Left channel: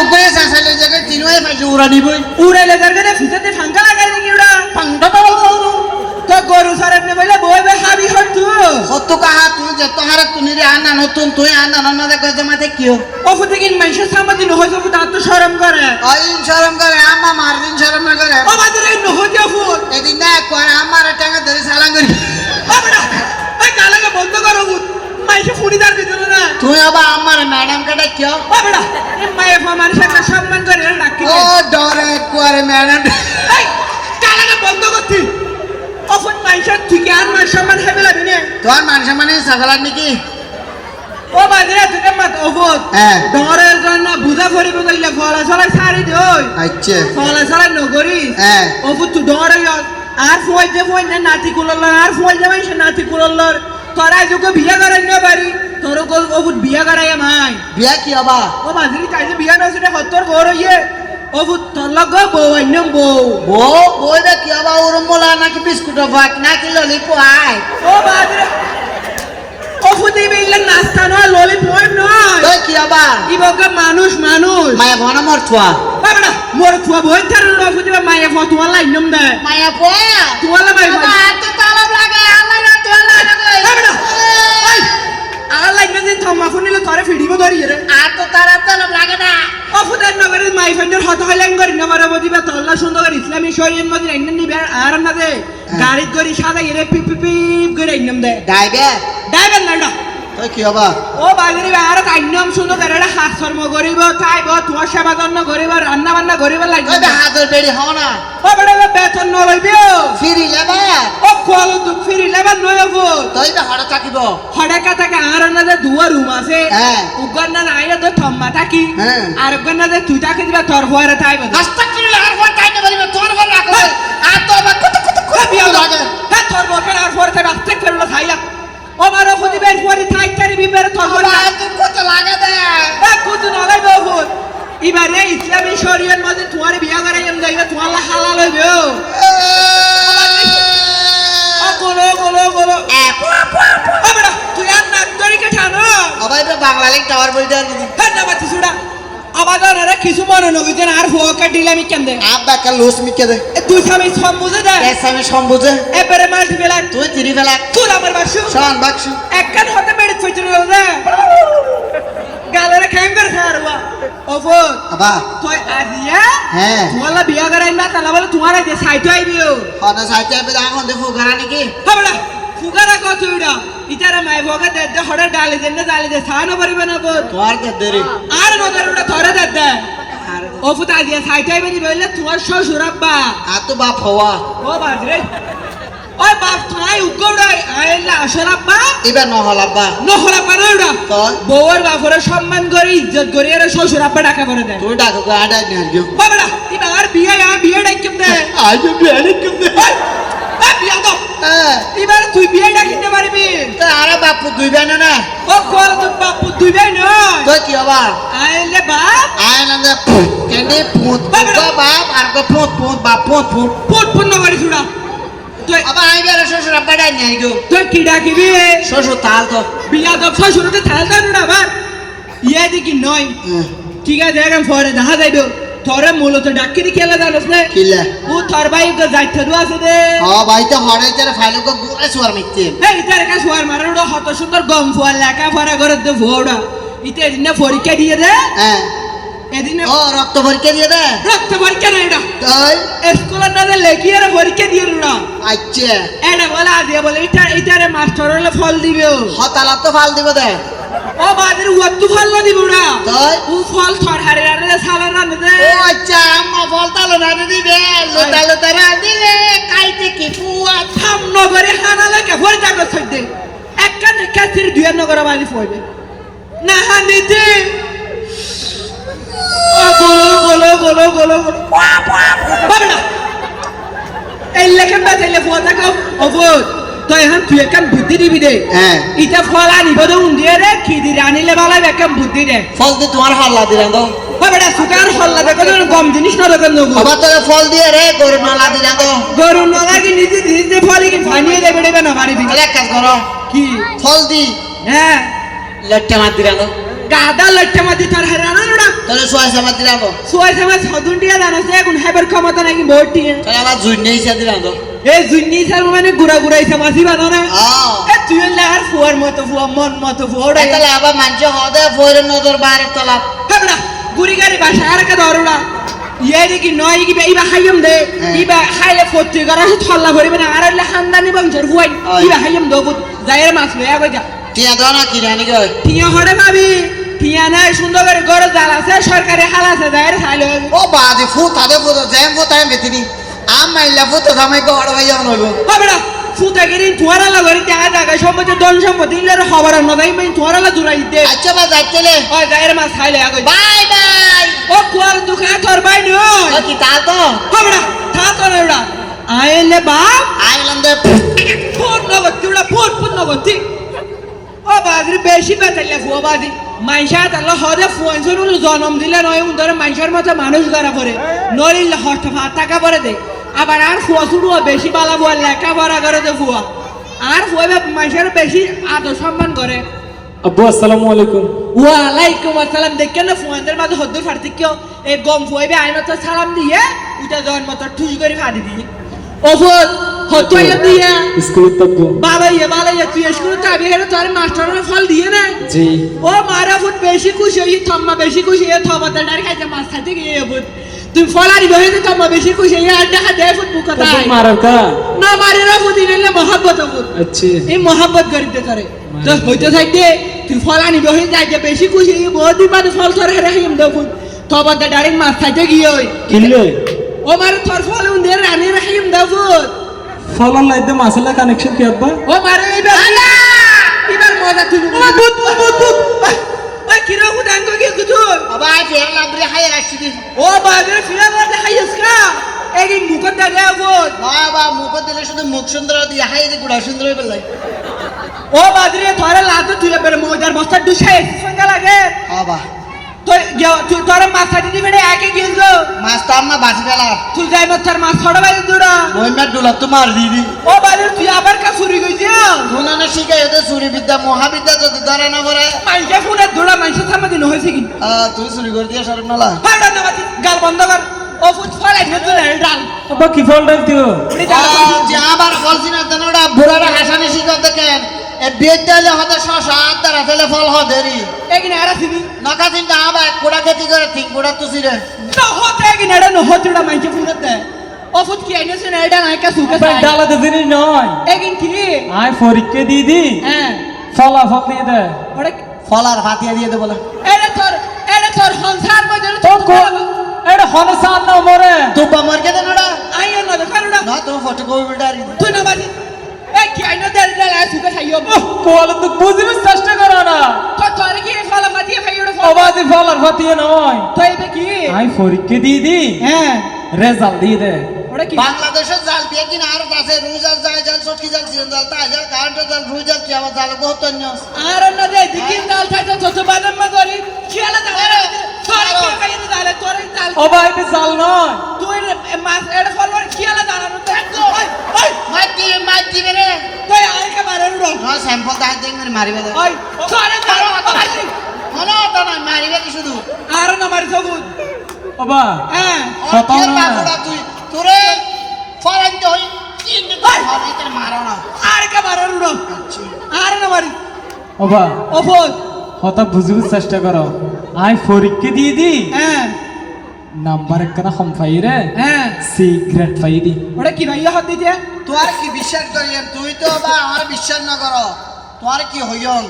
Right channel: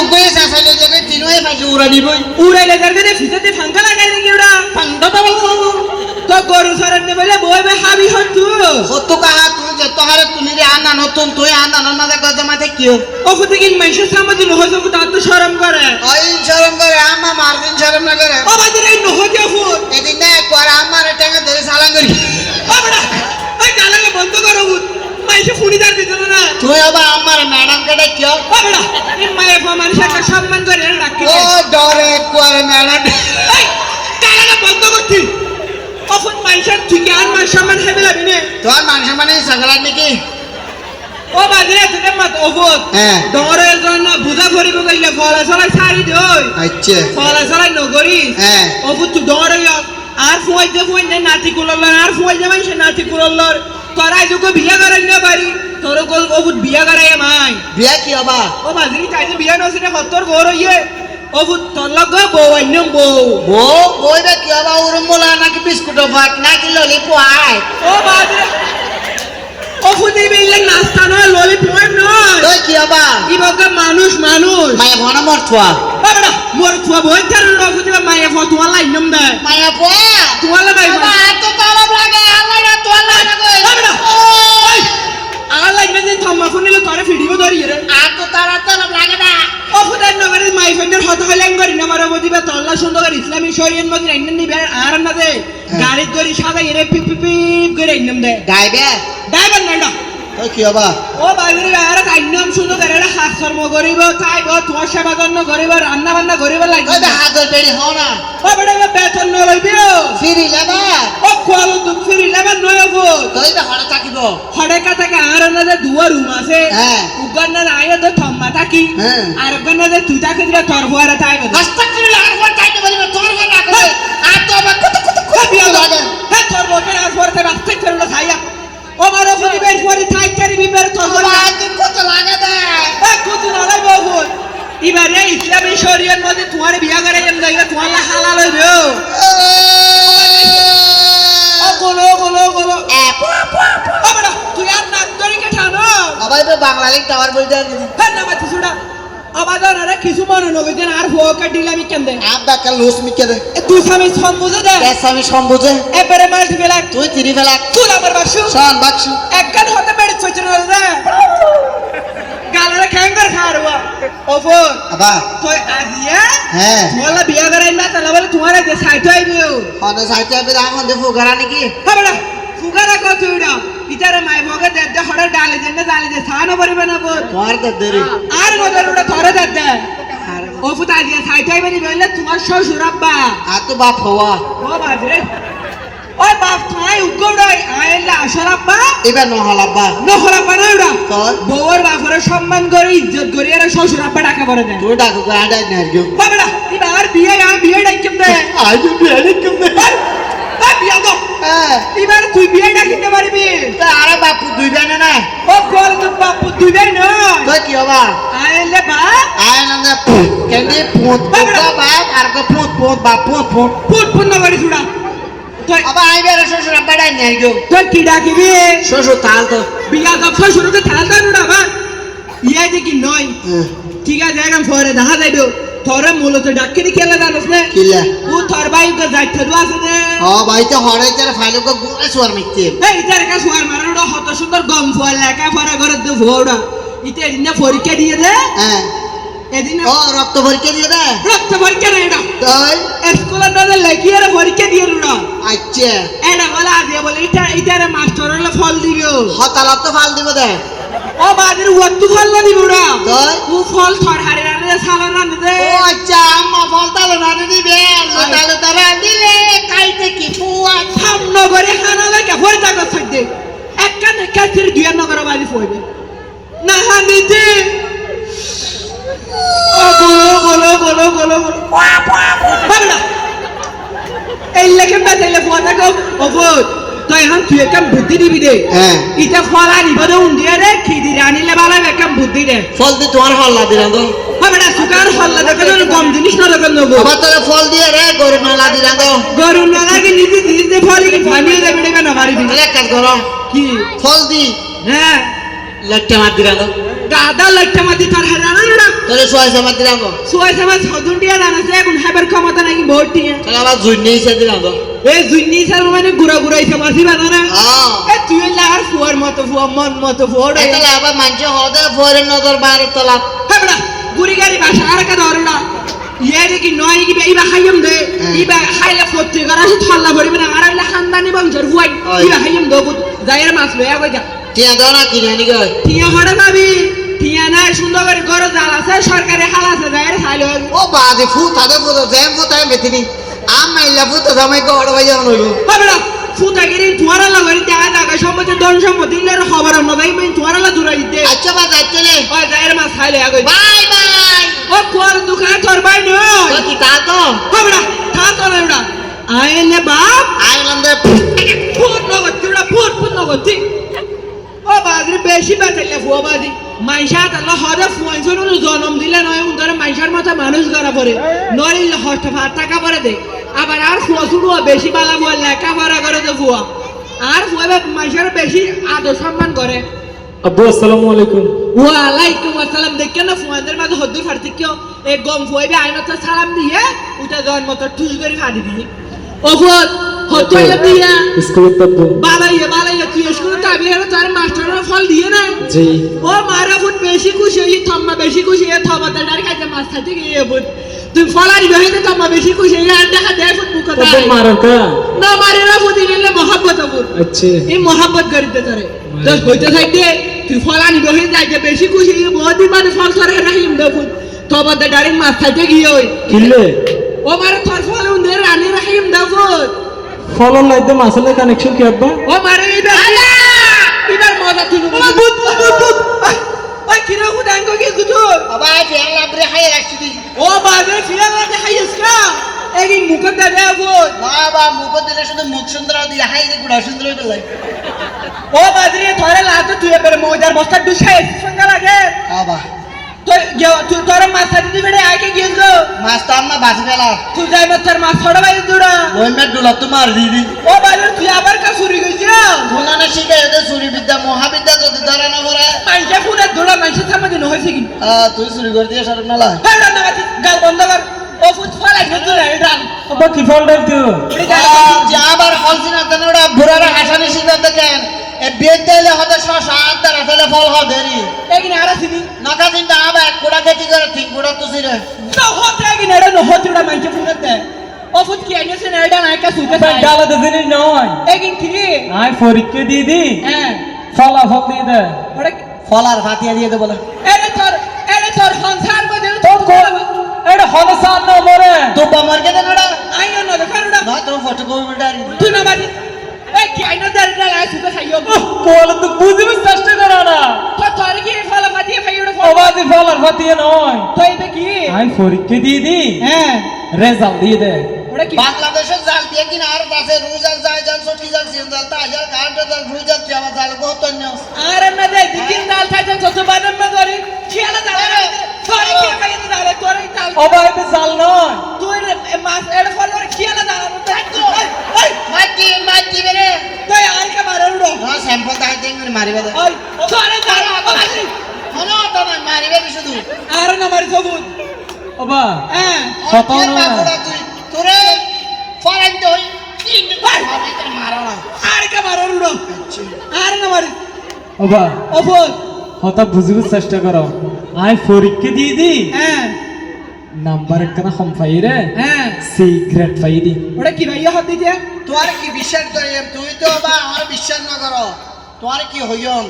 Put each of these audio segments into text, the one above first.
উগয়ে সাসালে জায়গায় তিনওয়ে পাইছে উড়া দিবই উড়াইলে যার কাছে ফিতাতে ফাঙ্কা লাগাই নাকি ওরা পান্ডা পাবল তো গরু সারেব নে বলে বই বে হাবি হতু হতো কাহা তুই যে তোহারে তুনি রে আনা নতুন তুই আনা না মাঝে গজে মাঝে কিও ওখু থেকে মানুষের সামনে নহজ তার তো শরম করে ওই শরম করে আম্মা মারদিন শরম না করে ও বাদের নহজ ফুট এদিন না একবার আমার টেঙ্গা ধরে সালাং করি ও বড়া ওই গালাকে বন্ধ করো ফুট মাইসে ফুড়িদার দিতে না তুই আবার আমার ম্যাডাম কে ডাকিও ও বড়া এই মায়ে মানুষের সম্মান করে ডাকি ও ডরে একবার ম্যাডাম এই গালাকে বন্ধ করতি? অফুন মাইসের ঠিক আর মান সম্মান হেবে লাগি নে তোর মানুষ মানে সকালার নাকি? ও বাজারে থেকে মত অফুত হ্যাঁ। ডরের জন্য বুঝা ভরিব কইলে ফলা চলাই সারি দই আচ্ছা। ফলা চলাই নগরি। হ্যাঁ। অফুত তুই ডরে আর ফুয়াই দে ফুয়াই দে নাতি কুললর আর ফুয়াই দে মাইসে নাতি কুললর তোরা যোগে বিয়া করাই না পারি। তোর অফুত বিয়া করাই মাই বিয়া কি হবা ও বাজারে চাইছে বিয়া নসরে হত্তর বড় ইয়ে অফুত তোর লগ বউ আইনম বউ। বউ? বইটা কি হবা উরমোলা নাকি বিস্কুট ভাত নাকি ললিপপ? আয় ও বাজারে অফুতি বিল্লে নাস্তা নয় ললিপপ নয়। তুই কি হবা ইবকে মানুষ মানুষ। মায়া ভনা মর থুয়া বাবা মোর থুয়া বই তার অফুতি মায়ে ফতুয়া লাইনম দেয় মায়া পোয়া তোমার লাগাই বাবা এত তালাব লাগে আল্লাহ না তোর লাগে বাবা ওই আর লাইনে যে থম্মা ফুনিলে তোরে ফিডিব ধরি রে আর তো তারা তালাব লাগে না অফুতার নগরে মাই ফাইন্ডার হত হইলেন করি না মারা বদিবা তল্লা সুন্দর করে ইসলামী শরীয়ত মধ্যে আইন নিবে আর না দে গাড়ি গড়ি সাদা এরে পিপ পিপ পিপ করে আইনম দে না কি হবা ও বাগিরি আর আইনম হাত কর্ম করিব তোমার সেবা যত্ন করিব রান্না বান্না করিব লাগবে হাজর বেড়ি হও না ও বড় বেতন নলইবিও ফিরি লেবা ও ফিরি নেবার নয় ফুট তুই বে হড়া থাকিব হড়েকা থেকে আর না যে দুয়া রুম আছে। উগান না আইয়া তো থম্মা থাকি। আর উগান না যে তুই তাকে দিলা তোর ফুয়ারে তাই বলে রাস্তা কিনে আর টাইতে পারিবে তোর রাখবে আর তো কত কত কত বিয়া লাগে ফুয়ারে তাই রাস্তায় ফেরলো খাইয়া ও মারো বের ফুয়ারি থাই তারি বিবের বলে বাবা তুই কত লাগে দে। এ কুতু নলাই বহুত এবারে ইসলামী শরীয়ত মধ্যে তোমার বিয়া করে এম জায়গা তোমার হালাল হইবে ও। গোলো গোলো গোলো। তুই আর নাম করে কে ঠানো। আবার তো বাংলালিক টাওয়ার বই দেন হ্যাঁ না বাতি সুড়া না কিছু মনে নবে যে আর ফুয়াকা দিলে আমি কেন দে আপ বাকা লুস মিকে দে। এ দুই ফামি সম্বুজে দে। এস আমি সম্বুজে। এবারে মাল্টি বেলা তুই তিরি ফেলা তুই আমার বাসু শান বাক্সু। একখান হতে বেড়ে চইছে না গালরে খ্যাঙ্গার খাওয়ারবা ওফো আবা। তুই আজিয়া হ্যাঁ। তোমার বিয়া করাই না তাহলে বলে তোমার যে সাইট আইবিও হন সাইতে আবে দাম দে ফুগারা নাকি? হবড়া ফুগারা কত উড়া ইতারে মাই ভগে দে দে হড়া ডালি দে না ডালি দে সানো পারিবে না বল তোমার দে দেরি আর নদর উড়া ধরে দে দে ও ফুটা দিয়ে সাইট আইবে বলে তোমার শ্বশুর আব্বা আর তো বাপ হওয়া ও বাজরে ওই বাপ থাই উগড়াই আইলা আসর আব্বা এবার নহল আব্বা নহল আব্বা নয় উড়া তোর বউর বাপরে সম্মান করে ইজ্জত করে এরা শ্বশুর আব্বা ডাকা পড়ে দেয় তুই ডাকো গাড়া না গিয়ে বাবড়া এবার বিয়ে আর বিয়ে দে আজ দাও হ্যাঁ এবার তুই বিয়ে ডাকিতে পারবি। তা আরে বাপু দুই বেন না? ও কর তো বাপু তুই বিয়ে নয়। তুই কি হবা? আইলে বাপ। আয় না দে কেন্দি পুত? বাপ আর কো পুত পুত বাপ পুত পুত। ফুট ফুট করে ছুড়া। তুই আবার আই বের শ্বশুর আব্বা ডাই নিয়ে গিয়ে তুই কি ডাকিবি? শ্বশুর তাল তো। বিয়া দাও শ্বশুরকে থাল দাও না আবার। ইয়া দেখি নয়। ঠিক আছে এখন পরে দেখা যাইতো তোরে মূলত ডাকি দি খেলা জানিস না কিলা ও তোর ভাই যাইতে দু আছে দে ও ভাই তো হরে তার ফাইলো কো গুড়া সুয়ার মিতে এই তার শুয়ার মারা ওটা হত সুন্দর গম ফুয়ার লেখা পড়া করে দে ভোড়া ইতে এদিনে পরীক্ষা দিয়ে দে হ্যাঁ এদিনে ও রক্ত পরীক্ষা দিয়ে দে রক্ত পরীক্ষা নেই ওটা তাই স্কুলের দাদা লেখি আর পরীক্ষা দিয়ে ওটা আচ্ছা এটা বলে আদিয়া বলে এটা এটারে মাস্টার হলে ফল দিবে। হতালা তো ফাল দিব দে ও বাদের ওয়াত্তু ফল না দিবে ওরা তাই ও ফল থর হারে হারে সালা দে ও আচ্ছা আম্মা ফল তালো দিবে। রা কাইতে কি পুয়া। নগরে দে বাজি ফইবে না হানিতে ও বলো বলো বলো বলো বলো। এই থাকো। ও তুই একটা বুদ্ধি দিবি দে। হ্যাঁ। ইটা ফল আনিব দে উন্দিয়ে দে খিদি আনিলে বালাই একটা বুদ্ধি দে। ফল দিয়ে তোমার হল্লা দিলাম তো। সুকার হল্লা দেখো গম জিনিস না দেখো নগো আবার তোর ফল দিয়ে রে গরু নালা দিলাম তো গরু না লাগে নিজে নিজে ফল কি ফানিয়ে দেবে দেবে না মারিবি তাহলে এক কাজ করো। কি? ফল দি। হ্যাঁ। লেটটা মার দিলাম তো গাদা লট্টা মাতি তার হেরানো না তোরে ছয় সময় দিলাম তো সোয়াই সময় ছদুন টিয়া জানাছে এখন হেবার ক্ষমতা নাকি টিয়া। তাহলে আবার জুই নেই সে দিলাম তো এই জুন্নি সাল মানে গুড়া গুড়াইছে মাসি বানো না। এ তুই লাগার ফুয়ার মতো ফুয়া মন মতো ফুয়া ওটাই তাহলে মানছে হদে ফোরের নজর বাইরে তোলা। হেবড়া। গুড়ি গাড়ি বাসা আর কা ধরো না। ইয়ে কি নয় কি ইবা হাইম দে। ইবা হাইলে ফত্তি করা সে থল্লা ভরিবে না আর হলে খানদানি বংশর ফুয়াই আয়। ইবা হাইম দো যায়ের মাছ লয়া কই যা। টিয়া না নাই সুন্দর করে গড়ে জাল আছে সরকারি হাল আছে যায়ের খাইলে ও বাদে ফু তাদে ফু তো জ্যাম ফু তাই মেতিনি আম মাইলা ফু তো জামাই গো অড় ভাইয়া হইব। হেবড়া ফুটাগিরি তুয়ারা লাগরি জায়গা জায়গা সম্পত্তি দন সম্পত্তি ইলের খবর নদাই মেন তুয়ারা লা দূরাই দে। আচ্ছা বা যাচ্ছেলে ও যায়ের মাছ খাইলে আগই বাই বাই। ও কুয়ার দোকান তোর বাই নয় ও কি তা তো? হেবড়া থা তো না এডা আইলে বাপ। আইলাম দে। ফুট নগদ তুড়া ফুট ফুট নগদ ঠিক। ও বাজরি বেশি বেতাইলে ফুয়া বাজি। মাইশা তাহলে হদে ফুয়াইছর জন্ম দিলে নয় উন্দরে মাইশার মতো মানুষ করা পরে নইলে হস্ত ভাত টাকা পরে দে। আবার আর ফুয়া শুরু বেশি বালা ফুয়া লেখা পড়া করে দে ফুয়া। আর ফুয়া মাইশার বেশি আদর সম্মান করে। আব্বু আসসালামু আলাইকুম। ওয়ালাইকুম আসসালাম। দেখেন না ফুয়াদের মাঝে হদ্দুর ফাড়তে কেউ এ গম ফুয়াইবে আইন তো সালাম দিয়ে উঠা জন মতো ঠুস করে ফাড়ি দিয়ে। ফুয়াদ হদ্দুইয়া দিয়া। স্কুলের তত্ত্ব। বালাইয়া বালাইয়া তুই স্কুল তাবি হেরে তোর মাস্টারের ফল দিয়ে না? জি। ও মারা ফুট বেশি খুশি হই থম্মা বেশি খুশি হয়ে থবা তার খাইতে মাছ খাইতে গিয়ে ফুট? তুই ফলারি বেহে তো থম্মা বেশি খুশি হয়ে আর দেখা দেয় ফুট তারপর মারার কা? না মারি না নিলে মহাব্বত ফুট। আচ্ছা। এই মহাব্বত করিতে তারে। তো হইতে থাকতে ফলানি বেহে যাইতে বেশি খুশি বহুত মানে ফল তোর হেরে হিম দে ফুট থবা মাছ খাইতে গিয়ে ওই। কিনলে? ও মারে তোর ফল উন্দে রানী রাহিম দে ফুট ফলন লাইতে মাসালা কানেকশন কি আব্বা? ও মারে এবার এবার মজা তুই বুত বুত বুত ওই কিরো হুদাঙ্গ কি কুতুল আবার ফের লাবরে হাই রাখছি দি ও বাজারে ফিরা লাগে হাইস কা? এই মুখ দাদা বুত না বা মুখ দিলে শুধু মুখ সুন্দর দিয়ে হাই দি গুড়া সুন্দর হইবে লাই ও বাজারে ধরে লাতে তুই এবার মজার বস্তা দুশাই সঙ্গে লাগে। আবা তো তুই তোর মাথা দিদি বেড়ে আগে গিয়েছিল মাছ তো আম্মা বাজি তুই যাই মাথার মাছ ছড়া বাইরে দূরা। ওই মেট ডুলা তো মার দিদি ও বাজারে তুই আবার কা চুরি গেছিস ধুনানে শিখাই ওদের চুরি বিদ্যা মহাবিদ্যা যদি ধরে না করে মাইকে ফুটে দৌড়া মাইসে সামনে দিন হয়েছে কি? তুই চুরি করে দিয়ে সরব নালা। গাল বন্ধ কর। ও ফুট ফলাই নে তুই কি ফল ডাল দিও আবার ফলছি না তেন ওরা বুড়ারা হাসানি দেখেন। এ বেদ দিলে হতে শশা আদারা ফেলে ফল হ দেরি এগিনে আরা সিবি নকা আবার এক কোড়া খেতি করে ঠিক কোড়া তুসি রে। না হতে এগিনে এডা ন হতে উড়া মাইকে ফুটে দে ও ফুট কি আইনে সে এডা না সুকে ডালা তো নয়। এগিন কি? আই পরীক্ষা দিয়ে দি। হ্যাঁ। ফলাফল দিয়ে দে। ওরে ফল আর ফাতিয়া দিয়ে দে বলে। এরে তোর এরে তোর সংসার মধ্যে তো না দেখার উড়া না তুমি ফটো কপি বিটার তুই না বাজি এ কি আইনে দে দে সুকে খাইও কোল তো বুঝবে চেষ্টা করো না। তো তোর কি ফলা মাটি খাই উড়া অবাদি ফল? আর ফাতিয়ে নয়। তো এইবে কি? আই পরীক্ষা দিয়ে দিয়ে বাংলাদেশের জাল দিয়ে কিনা আর আছে রুই জাল যায় জাল সটকি জাল সিন জাল তা জাল কারেন্ট জাল রুই জাল কি আমার জাল বহুত আরে না দে দিকিন দাল খাইতে যত বাদাম মা ধরি খেলা দাল তোর কি খাই দাল তোর দাল অবা এটা জাল নয়। তুই মাছ এর ফলর খেলা দাল ওই ওই মাটি মাটি বেরে তুই আইকা মারে উড়ো। না স্যাম্পল দাই দেন মানে মারিবে দে ওই তোরে দাল বাজি মনে হতো না মারিবে কি শুধু? আর না মারি সবুত অবা হ্যাঁ। কত না? তুই তোরে ফরান দে হই তিন মারাইতে মারা না। আর কা মারে উড়ো। আর না মারি অবা অফত হঠাৎ বুঝিবার চেষ্টা করো। আই পরীক্ষা দিয়ে দি। হ্যাঁ। নাম্বার একখানা পাই রে হ্যাঁ সি গ্রেড পাই দি ওটা কি ভাইয়া হাত দিতে তোর কি বিশ্বাস করি তুই তো বা আমার বিশ্বাস না কর তোর কি হইয়ন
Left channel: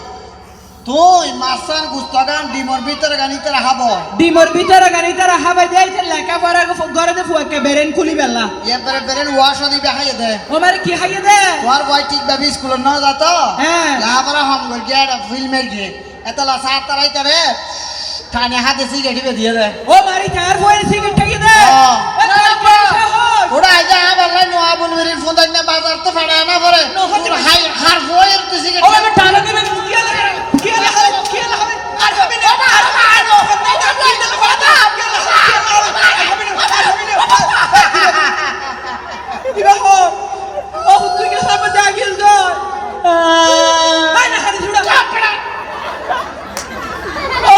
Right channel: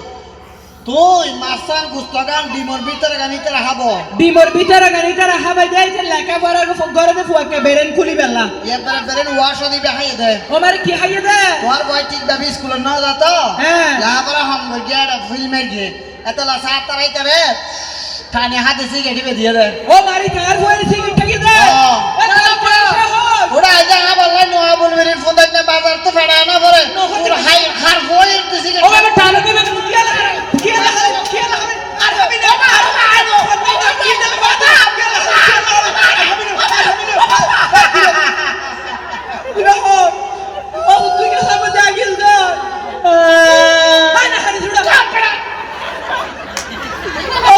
তুই মাসান গুস্তাগান ডিমর ভিতরে গানিতে রাখাব ডিমর ভিতরে গাড়িতে রাখা বাই দেয় যে লেখা পড়া ঘরে দে ফুয়াকে বেরেন খুলি বেলা এরপরে বেরেন ওয়াশ দিবে হাইয়ে দে ও মারে কি হাইয়ে দে তোর বই ঠিক ভাবে স্কুল না যাত হ্যাঁ। লাহাপরা হাম গিয়ে ফিল্মের গিয়ে এতলা সাত তারাইতে রে টানে হাতে সিগারেট দিয়ে দে। ও মারি চার ফুয়ের সিগারেট কি দে। এ তোর পয়সা হোক ওরা আজ হা বললাই নোয়া বলবে ফোন না বাজার তো ফেড়া না পরে। হাই হার বইয়ের তো ও সিগারেট আমি টানো দিলে কি আলা কি আলা কি আলা হবে আর হবে না আর হবে না আর হবে না কি আলা হবে কি আলা হবে না ও তুই কে সামনে দাগিল দো আই না হারি ছুড়া ও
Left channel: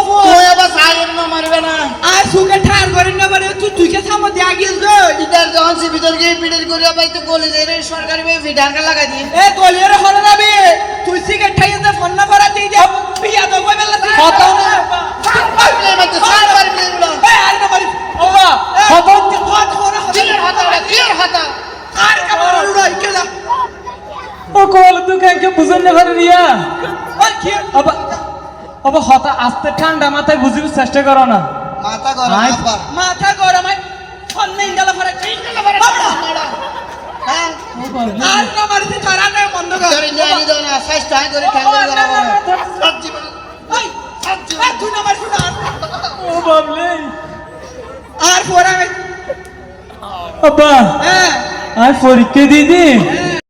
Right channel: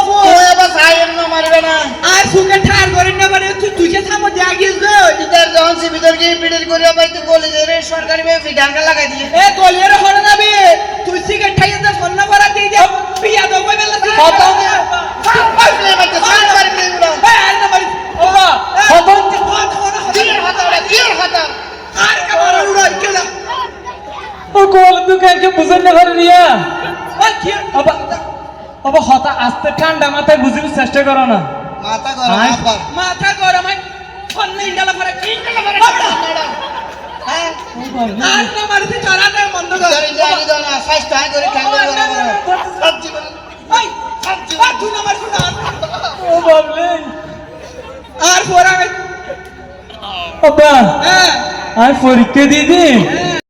সুকে ঠার না পারে তুই তুইকে থামো দিয়া গিয়েছ গো। ইদার যখন সে ভিতর গিয়ে পিটের করিয়া পাই তো গলে যে রে সরকারি ভাবে ফিডাঙ্গা লাগাই দিয়ে। এ গলিয়ারে হরে যাবি তুই সিগারেট খাইয়ে দে ফোন না করা দিয়ে দে। পিয়া তো কই বেলা তুই। কথা না। সার প্লে বাইতে, সার মারি প্লে উড়াও। এ আর না মারি ওবা খবর কিয়ের হাতা ওরা, কিয়ের হাতা? আর কামার উড়াই কেলা ও কল তো কাকে বুঝেন না পারে রিয়া ওই কি হতা আস্তে ঠান্ডা মাথায় বুঝির চেষ্টা করো না। মাথা গরম, গরম হয় ফোন নেই ডালা করে। করে হ্যাঁ? আর না মারিতে তারা বন্ধ কর। তোর ইন্ডিয়া আনি দাও না, সাইজ টাই করে ঠ্যাঙ্গা করে। সব জীবন। ওই আর তুই না মারিস না। ও বাবলে। আর পরে আব্বা হ্যাঁ। আই পরীক্ষা দিদি হ্যাঁ।